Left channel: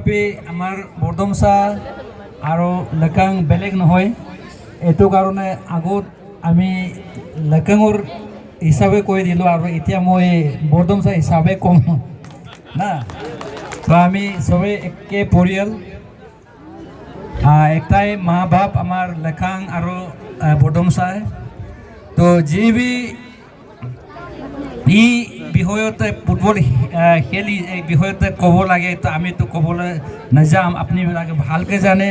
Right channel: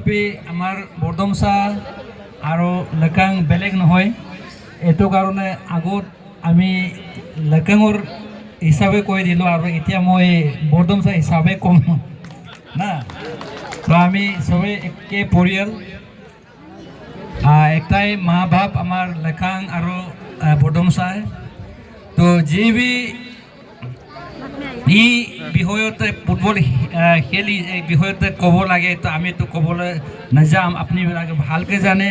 তথাপি আমাৰ বৰডুমচা আৰু লেকাং বেলেগ নহয়। এইটো কাৰণে আগত আমি লেকাঙৰ হিচাপে কৈ দিলোঁ আৰু এতিয়া মই বৰডুমচা হিচাপে ক'ম না। তো আমি সবে একে পৰিয়াল, একটাই মা বাপ আমাৰ লেকাং আৰু বৰডুমচাই। তো যি এই বিষয়তে ফুটবল খেলি এই বিষয়তে ক'ব লাগে, তো আমিতো ক'বলৈ নাযাম, আপোনালোকে ভালকৈ জানে।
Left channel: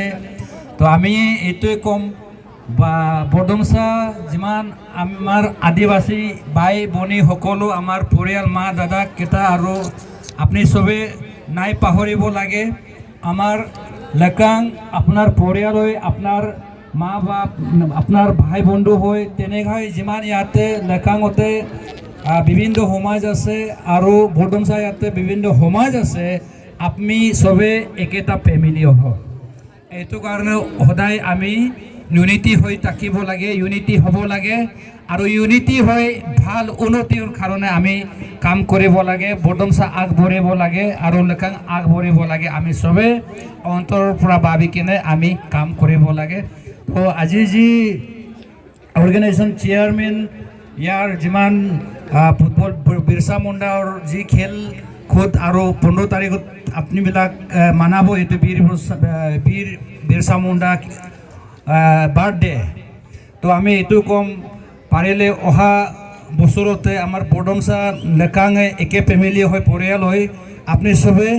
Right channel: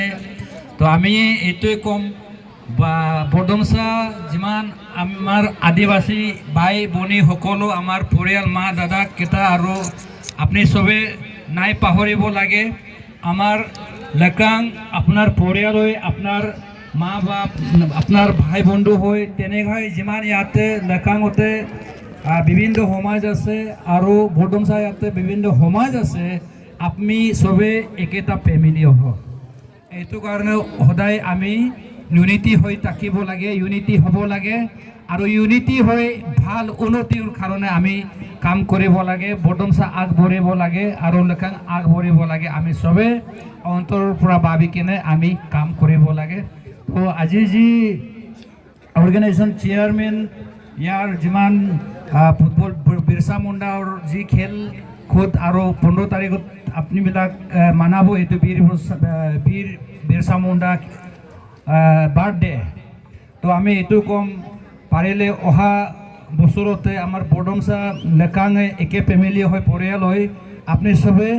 তো আমি এইটোৱে ক'ম বা বৰডুমচা যিমান আমাৰ আদিবাসী ভাই ভনী সকলো আমাৰ পৰিয়াল মা দাদা কেইটা আৰু আপুনি চবে নাই পাহৰিব লাগে। আমাৰ লেকাং আপোনাৰ পৰিয়াল হৈ, আপোনাৰ মা বাপ, আপোনাৰ ভাই বন্ধু হৈ, তেনেকৈ যিমান ইয়াতে লেকাঙতে বিভিন্ন সমাজ আছে আৰু বৰডুমচা ইয়াতে বিভিন্ন সমাজ আছে, আপুনি চবে একেটা ফেমিলি হওক। এইটো কাৰণে সদায় আমি ইউনিটি হৈ থাকিব লাগে, ইউনিটি হ'ব লাগে আৰু ইউনিটি হৈ ভাল উন্নতিৰ কাৰণে আমি কাম কৰিব লাগে। বৰডুমচা আগবাঢ়িব লাগে আৰু লেকাং আগবাঢ়িব লাগে। আমি চবে অন্তৰৰ পৰা ভাবি কিনে আমি কাম কৰিব লাগে। তো আজি যি অৰ্গেনাইজেশ্যন চেয়াৰমেন ইয়াৰ যিমান ফুটবল বিৰচা মুণ্ডাৰ যি খেল খুদ আৰু 15 তাৰিখত আপুনিবিলাক মানাব, এইটো বীৰ বিৰচা মুণ্ডা বাৰ্থডে। তো আমি এইটো ক'ম, পাৰিলে অহা বছৰতে আমাৰ বৰডুমচা লেকাঙে একে ফেমিলি হৈ পৰিয়াল হৈ আপুনি চবে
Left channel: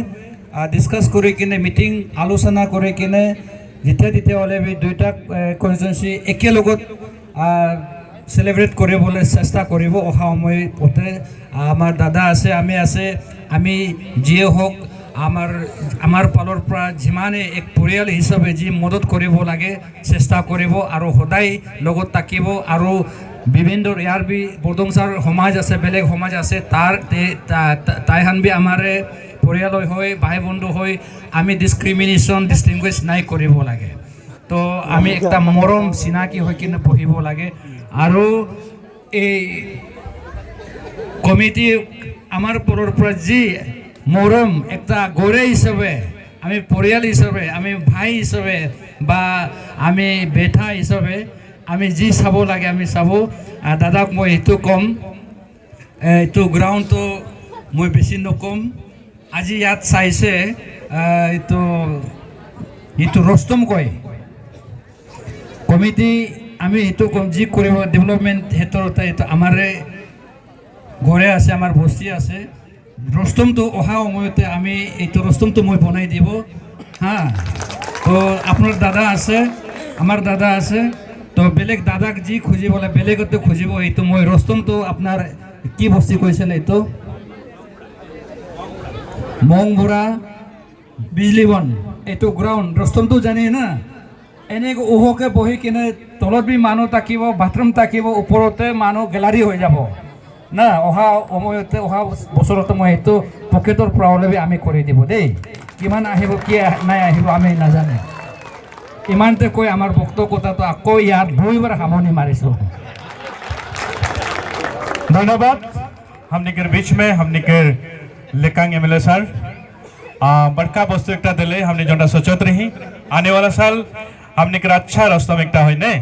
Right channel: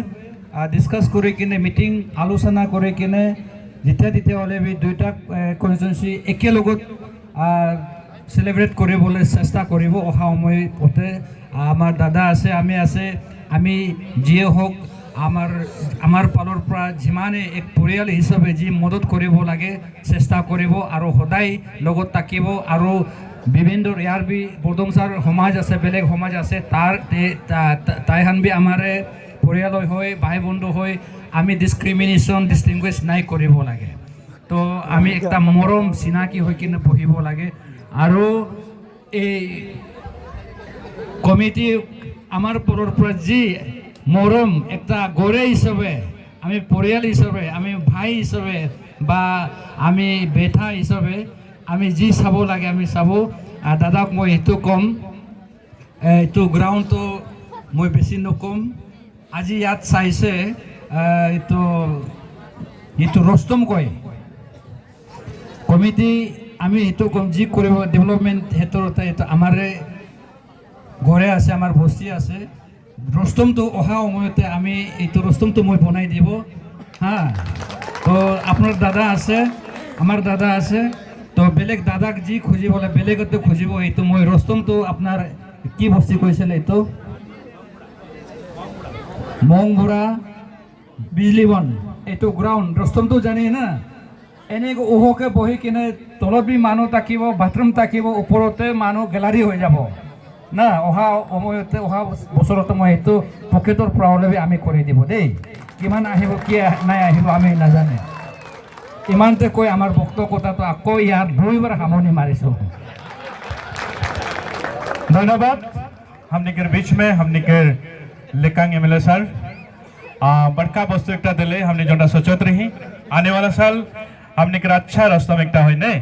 ডিছকাছ কৰি কিনে মিটিং আলোচনা কৰি কিনে তেতিয়াহ'লে দুইটা কনষ্টিটুৱেঞ্চি একেলগত চেলিব্ৰেট কৰিবলৈ চেষ্টা কৰিব। অহা সময়তে আমাৰ দাদা আছে, আমি আছে, আমি যিয়ে হওক আমাৰ ফালৰ পৰা যিমানে এক পৰিয়াল হিচাপে যি মদত কৰিব লাগে চেষ্টা কৰিব আৰু সদায় লগত থাকিব। আৰু বিভিন্ন ইয়াৰ বৰডুমচাৰ সমাজ আছে, বেলেগ সমাজ আছে, তাইহান আমাৰ পৰিয়াল হৈ ভাই বন্ধু হৈ আমি ডিছটিংগুইছ নাই কৰিব লাগে। তো আমি একটা মৰম চিনাকি হৈ কিনে বহিব লাগে। আৰু এই কমিটি আমাৰ ফালৰ পৰা যি মৰম একটা গড়ে হিচাপে, আমি পৰিয়াল হিচাপে, আমি ভাই হিচাপে বা আমি বেটা হিচাপে আমি যি চাব লাগে আমি চাব। দাদাক মই এইটো ক'ম, এইটো গ্ৰাউণ্ডটো মই বেছি নক'ম। আজি ইয়াত চাইছে এইটো ৰস্তম কয় কমিটি, আমি এইটো ক'ম যি কৰিব ডেভেলপমেণ্ট ক্ষেত্ৰতে এইটো আমাৰ ঘৰে আছে, আমাৰ বস্তি আছে। ৰস্তমটো অহা সময়তে আমি এইটো ৰস্তমটো মই বনাই দিব হা। তো আপোনাৰ দাদা আছে, আমাৰ দাদা আছে, তো বেলেগ দাদাক যি খুজিবলৈ বেলেগতে খুজিব। এইটো মই ৰস্তমটো আপোনাৰ কি বস্তি কৈছিলে, এইটো মংবুৰা বিজলীবন, এইটো গ্ৰাউণ্ড ৰস্তমটো জানে না। এনেকৈ ওহকে বহি কিনে তলত মানুহ থাকিব, বাথৰুম থাকিব, ওপৰতে মানুহ গেলাৰী হৈ যাব না। অহা সময়তে অহা বছৰতে মই এইটো পকেটৰ পৰা হ'লে আমি কৰি দিব দেই। কিমান আহিব কি নাই আহিব আমি নাজানে। ইমানতে কৈ আমাৰ বক্তব্যতাটো আকৌ ইয়াত 2বাৰ সামৰণি মাৰিছোঁ। धन्यवाद। हमने के बीच में हमने के लेकांग एमएलए सर बड़का वस्तु एक दिले, हमने जो सोचत रही आने वाला साल हमने के अच्छा रास्ता में एक ने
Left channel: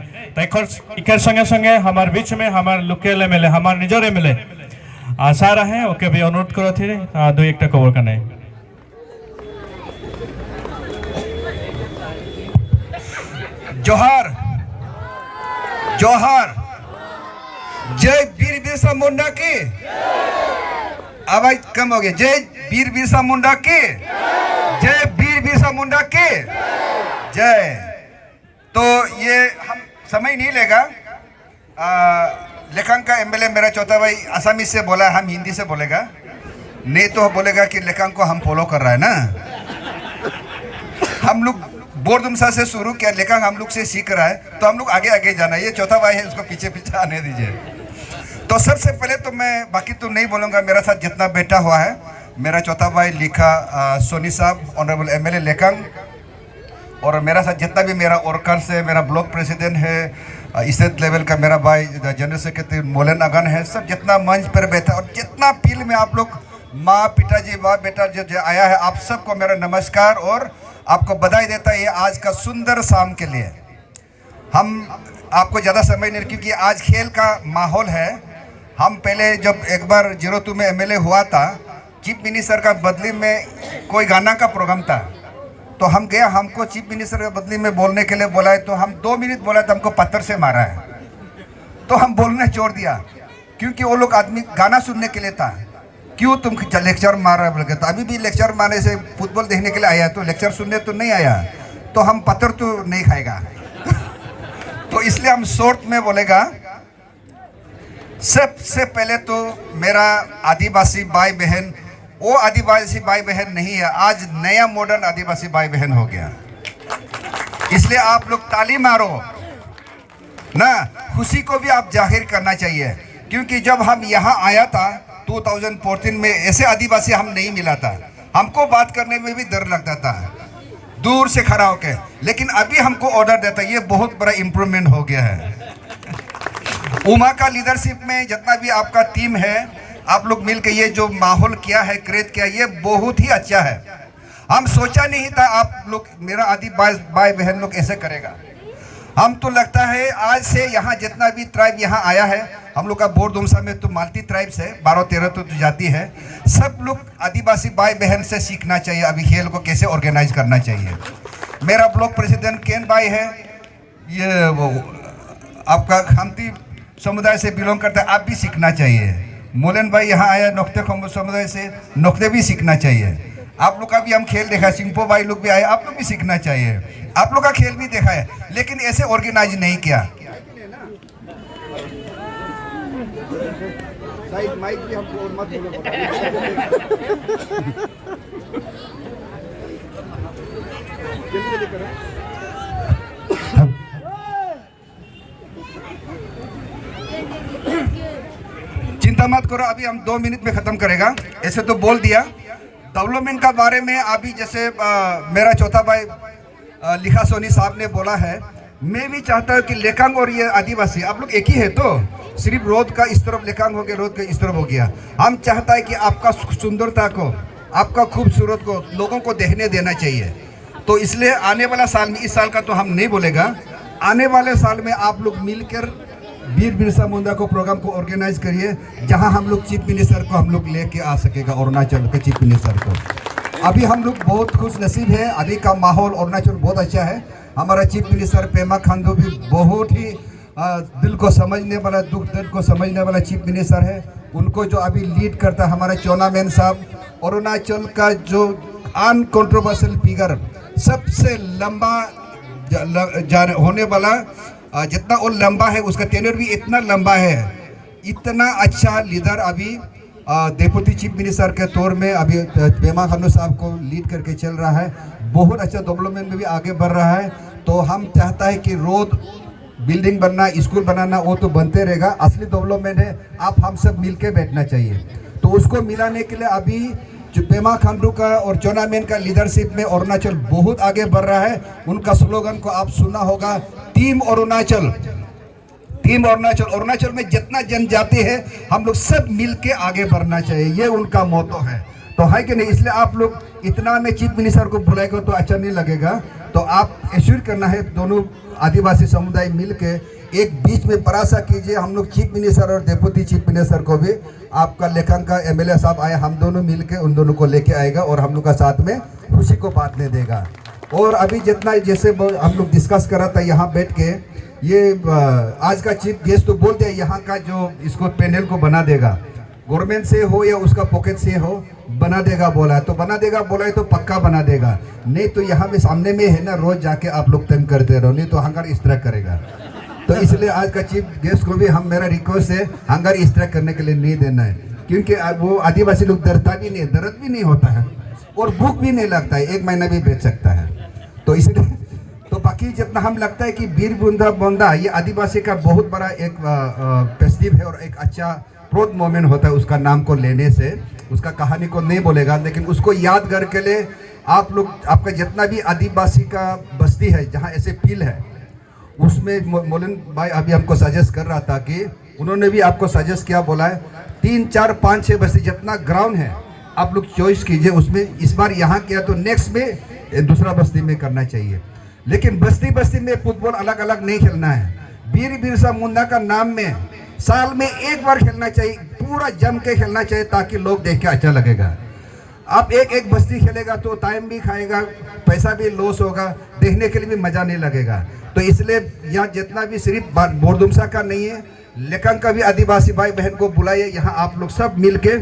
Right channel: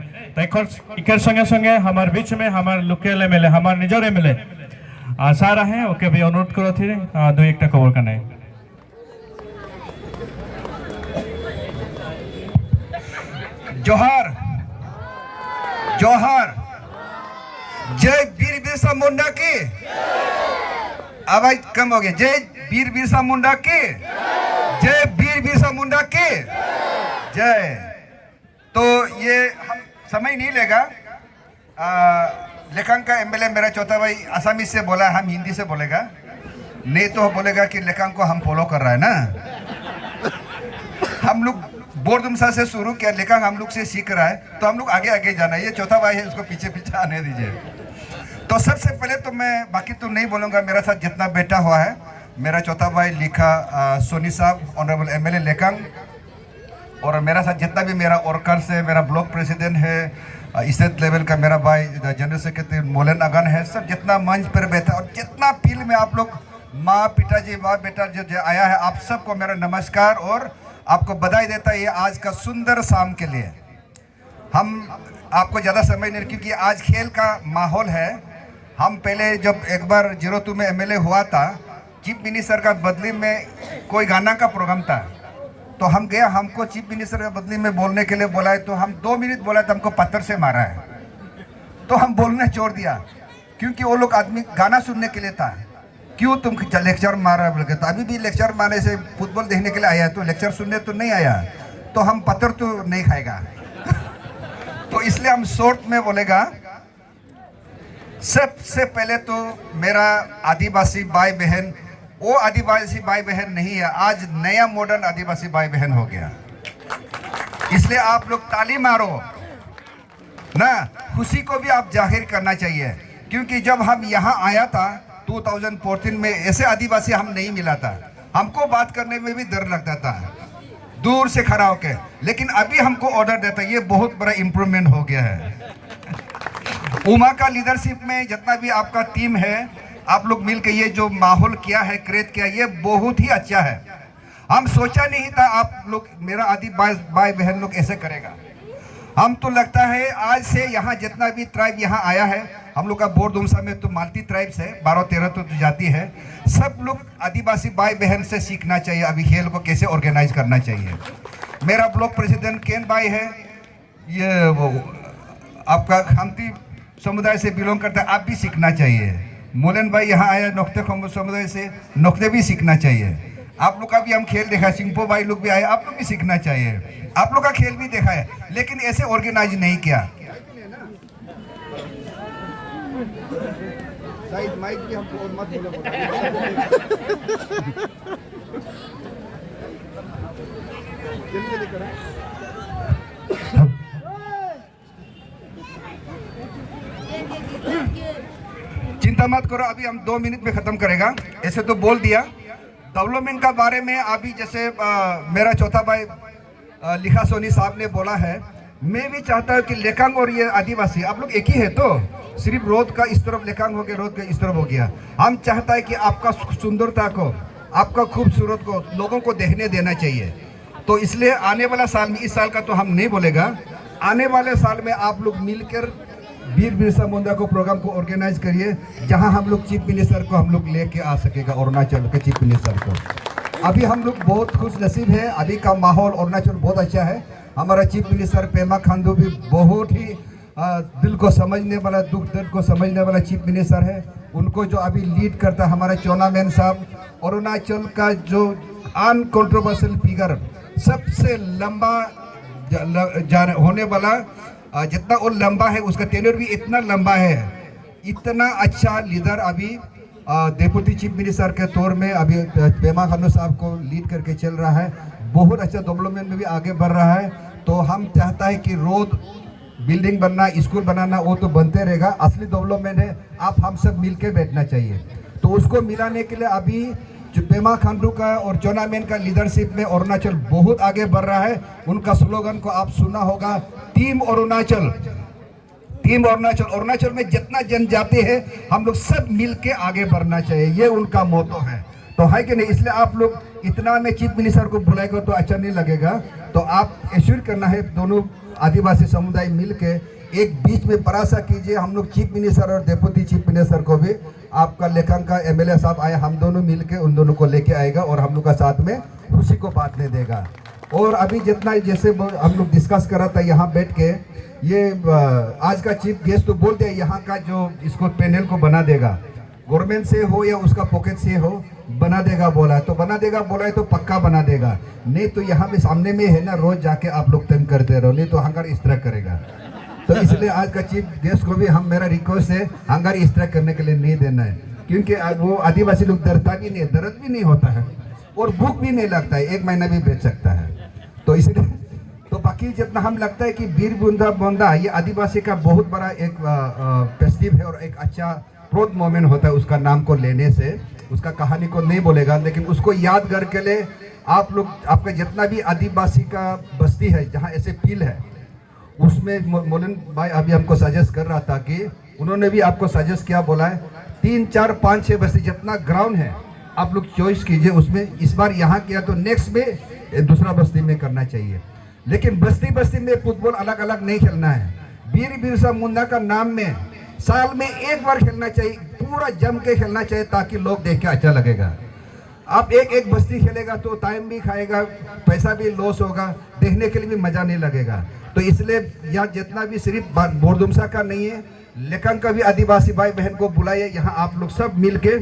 इकर संगे संगे हमारे बीच में हमारे लोकल एमएलए हमारे निजर एमएलए आशा रहे ओके भी अनुरोध करो थी दो एक खबर करने। जोहार जोहार, जय वीर बिरसा मुंडा की। आवाज कम हो गया। जय वीर बिरसा मुंडा की, जय वीर बिरसा मुंडा की जय। तो ये हम समय नहीं लेगा। लेकांग का एमएलए मेरा चौथा भाई आसामी से बोला, हम हिंदी से बोलेगा, नहीं तो बोलेगा कि लेकांग को हम फॉलो कर रहा है ना। हम लोग बरडुमसा से शुरू किया, लेकांग हम लोग से सीख रहा है, तो हम लोग आगे आगे जाना। ये चौथा भाई है, उसको पीछे पीछे आने दीजिए। तो सबसे पहले तो मैं बाकी तो नहीं बोलूँगा, मेरा साथ जितना बेटा हुआ है, मेरा चौथा भाई लिखा सोनी साहब, ऑनरेबल एमएलए लेकांग, और मेरा साथ जितना भी मेरा वर्कर्स है, मेरा ब्लॉक प्रेसिडेंट है, स्टेट लेवल का मेरा भाई जनरल सेक्रेटरी मोलन अगन है, सब जितना मंच पर बैठा और जितना फील्ड में आप लोग माँ पिताजी माँ बेटा जो जो आया है, आप सबको मेरा नमस्कार और आपको बधाई देता है ये आज का सुंदर शाम के लिए। हम आपको ज़्यादा समय नहीं, क्योंकि आज खेल का माहौल है। हम पहले जब एक बार 02 में एमएलए हुआ था, चीफ मिनिस्टर का बदली में कोई गाना का प्रोग्राम था, तो हम गए, हमको चीफ मिनिस्टर के बदली में बोलने के लिए बोला है, तो हम 2 मिनट बोला तो हमको पत्थर से मारा है, तो हम बोलने छोड़ दिया, क्योंकि वो लोग आदमी गाना सुनने के लिए था। क्यों तुम लेक्चर मार रहे बोल के, तो अभी भी लेक्चर मारने से फुटबॉल देखने के लिए आया, तो लेक्चर सुनने तो नहीं आया, तो हम पत्थर तो नहीं खाएगा। तो इसलिए हम शॉर्ट में बोलेगा। सबसे पहले तो मेरा आदिवासी भाई बहन, वो आदिवासी भाई बहन नहीं है, आज नया मॉडर्न आदिवासी भाई बहन हो गया, इसलिए आप लोग ताली मारो ना, खुशी को भी आप जाहिर करना चाहिए। क्योंकि जब हम यहाँ आया था 2014 में, ऐसे आदिवासी हम नहीं मिला था, हमको बात करने में भी डर लगता था दूर से खड़ा होके, लेकिन अभी हमको ऑर्डर देता है, ये बहुत बड़ा इम्प्रूवमेंट हो गया है। उमा का लीडरशिप में जितना भी आपका टीम है, आप लोग मिलकर ये जो माहौल किया है, क्रिएट किया, ये बहुत ही अच्छा है। हम सोचा नहीं था आप लोग, मेरा आदिवासी भाई बहन लोग ऐसे करेगा। हम तो लगता है आज से यहाँ जितना भी ट्राइब यहाँ आया है, हम लोग का बोरदुमसा में तो मल्टी ट्राइब्स है, 12-13 तो जाति है, सब लोग आदिवासी भाई बहन से सीखना चाहिए अभी खेल को कैसे ऑर्गेनाइज करना चाहिए। मेरा ब्लॉक प्रेसिडेंट केन भाई है, ये वो आपका खामती समुदाय से बिलोंग करता है, आप भी सीखना चाहिए। मोलन भाई यहाँ आया नोक्ते समुदाय से, नोक्ते भी सीखना चाहिए। आप लोग का भी हम खेल देखा, सिंपो भाई लोग भी आए, आप लोग भी सीखना चाहिए। आप लोग का खेल भी देखा है, लेकिन ऐसे ऑर्गेनाइज नहीं किया। माइक भी हमको और मत बोलो। चिंता मत करो, अभी हम 2 मिनट में खत्म करेगा। ऐसे तो बोल दिया डेवलपमेंट का बारे में। अभी जैसे मेरा चौथा भाई लिखा सोनी साहब ने बोला है, मैं भी चाहता हूँ कि लेकांग और ये आदिवासी आप लोग एक ही है, तो सिर्फ रोड का इस तरफ लेकांग हो गया, रोड का इस तरफ हो गया। हम चाहता है कि आपका सुंदरता को, आपका खूबसूरत को लोगों को देखने देना चाहिए। तो इसलिए आने वाला साल में, इस साल का तो हम नहीं बोलेगा, आने वाले साल में आप लोग मिलकर वीर बिरसा मुंडा को प्रोग्राम को ऑर्गेनाइज करिए, जहां हम लोग चीफ मिनिस्टर को हम लोग लेके आ सकेगा, अरुणाचल के चीफ मिनिस्टर को। अभी हम लोग बहुत खुश नसीब है, अभी का माहौल अरुणाचल बहुत अच्छा है। हमारा चीफ मिनिस्टर पेमा खांडू भी बहुत ही दिल को समझने वाला, दुख दर्द को समझने वाला चीफ मिनिस्टर है। उनको जो अभी लीड करता है हमारा चौनामेन साहब, अरुणाचल का जो अनकॉन्ट्रोवर्शियल फिगर, सबसे लंबा होने वाला, जितना और लंबा है उसका टेन्योर भी इतना लंबा है, इतना अच्छा लीडर अभी डेप्यूटी चीफ मिनिस्टर के तौर में अभी पेमा खांडू साहब को लीड करके चल रहा है। बहुत अच्छा डेवलपमेंट में भी आगे बढ़ रहा है। तो हम चाहता है कि रोड बिल्डिंग बनना, स्कूल बनाना, वो तो बनते रहेगा, असली डेवलपमेंट है, आप हम सब मिलके बैठना चाहिए। तो उसको मिलाने के लिए अभी जो पेमा खांडू का और चौनामेन का लीडरशिप में अरुणाचल बहुत आगे बढ़ रहा है। उनका स्लोगन को आप सुना होगा, टीम अरुणाचल, टीम अरुणाचल। अरुणाचल में जितना जनजाति है, हम लोग सब मिलके आगे बढ़ना चाहिए, ये उनका मोटो है। तो है कि नहीं, इसलिए आप लोग इतना में चीफ मिनिस्टर को बुलाएगा तो अच्छा नहीं लगेगा। तो आप एश्योर करना है, दोनों आदिवासी समुदाय मिलके एक बीच में परासा कीजिए। हम लोग चीफ मिनिस्टर और डेप्यूटी चीफ मिनिस्टर को भी, आपका लेकांग का एमएलए साहब आया, हम दोनों मिलके उन दोनों को लेके आएगा और हम लोग का साथ में खुशी को बांटने देगा। और अभी जितना जैसे हम लोग डिस्कस कर रहा था यहाँ बैठ के, ये आज का चीफ गेस्ट तो बोल दिया, यहाँ का जो इसको पैनल को बना देगा, गवर्नमेंट से हो या उसका पॉकेट से हो, बना देगा बोला है। तो बना देगा बोला है तो पक्का बना देगा, नहीं तो यहाँ में सामने में है ना, रोज जाके आप लोग तंग करते रहो, नहीं तो हंगर इस तरह करेगा। तो इसलिए आज का चीफ गेस्ट को भी हम, मेरा रिक्वेस्ट है, हंगर इस तरह करने के लिए नहीं देना है, क्योंकि वो आदिवासी लोग डरता भी नहीं, दर्द भी नहीं होता है और भूख भी नहीं लगता है, 1 महीना भी बैठ सकता है। तो इसलिए तो बाकी जितना हम लगता है कि वीर बुंदा बोंदा ये आदिवासी का बहुत बड़ा एक फेस्टिव है और एक अच्छा प्राउड मोमेंट होता है उसका नाम को लेने से। उसका कहानी को नहीं बोलेगा, लेकिन उसको याद करके ले आप लोग, आपका जितना भी आदिवासी का बस्ती है जहाँ ऐसे फील है, उसमें मोलन भाई अभी हमको सजेस्ट कर रहा था, कि उन्होंने भी आपको सजेस्ट किया, बोला है 3, 4, 5, 6 बस्ती जितना ग्राउंड है, उसमें मोलन भाई अभी हमको सजेस्ट कर रहा था कि उन्होंने भी आपको सजेस्ट कर रहा था कि 3, 4, 5, 6 बस्ती जितना ग्राउंड है, उसमें मोलन भाई अभी हमको सजेस्ट कर रहा था कि उन्होंने भी आपको सजेस्ट किया, बोला है आप लोग चॉइस कीजिए, उसमें इस बार यहाँ किया तो नेक्स्ट में दूसरा बस्ती में करना चाहिए। लेकिन बस्ती बस्ती में फुटबॉल अलग अलग नहीं खेलना है। वीर बिरसा मुंडा का नाम में साल में एक बार खेलना चाहिए, पूरा जम के खेलना चाहिए ताकि लोग देख के अच्छा लगेगा। आप एक एक बस्ती खेलेगा तो टाइम भी खाएगा, पैसा भी लॉस होगा, देखने के लिए भी मज़ा नहीं लगेगा। तो इसलिए यहाँ जितना भी सिर्फ बोरदुमसा का नहीं है, लेकिन का भी आदिवासी भाई बहन को बुलाइए, यहाँ आप लोग सब मिल के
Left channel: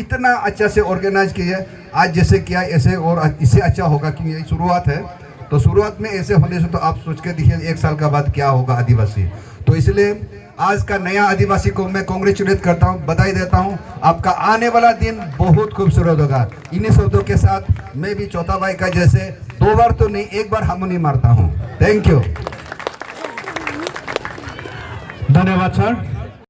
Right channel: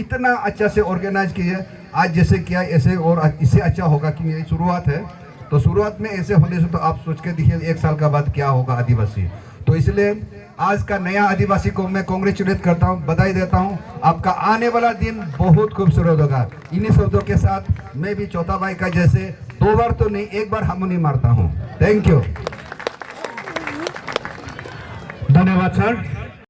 इतना अच्छा से ऑर्गेनाइज किए। आज जैसे किया ऐसे और इससे अच्छा होगा, क्योंकि ये शुरुआत है। तो शुरुआत में ऐसे होने से तो आप सोच के देखिए एक साल का बाद क्या होगा आदिवासी। तो इसलिए आज का नया आदिवासी को मैं कांग्रेचुलेट करता हूँ, बधाई देता हूँ। आपका आने वाला दिन बहुत खूबसूरत होगा। इन्हीं शब्दों के साथ मैं भी चौथा भाई का जैसे 2 बार तो नहीं, 1 बार हार्मोनी मारता हूँ। Thank you. धन्यवाद सर।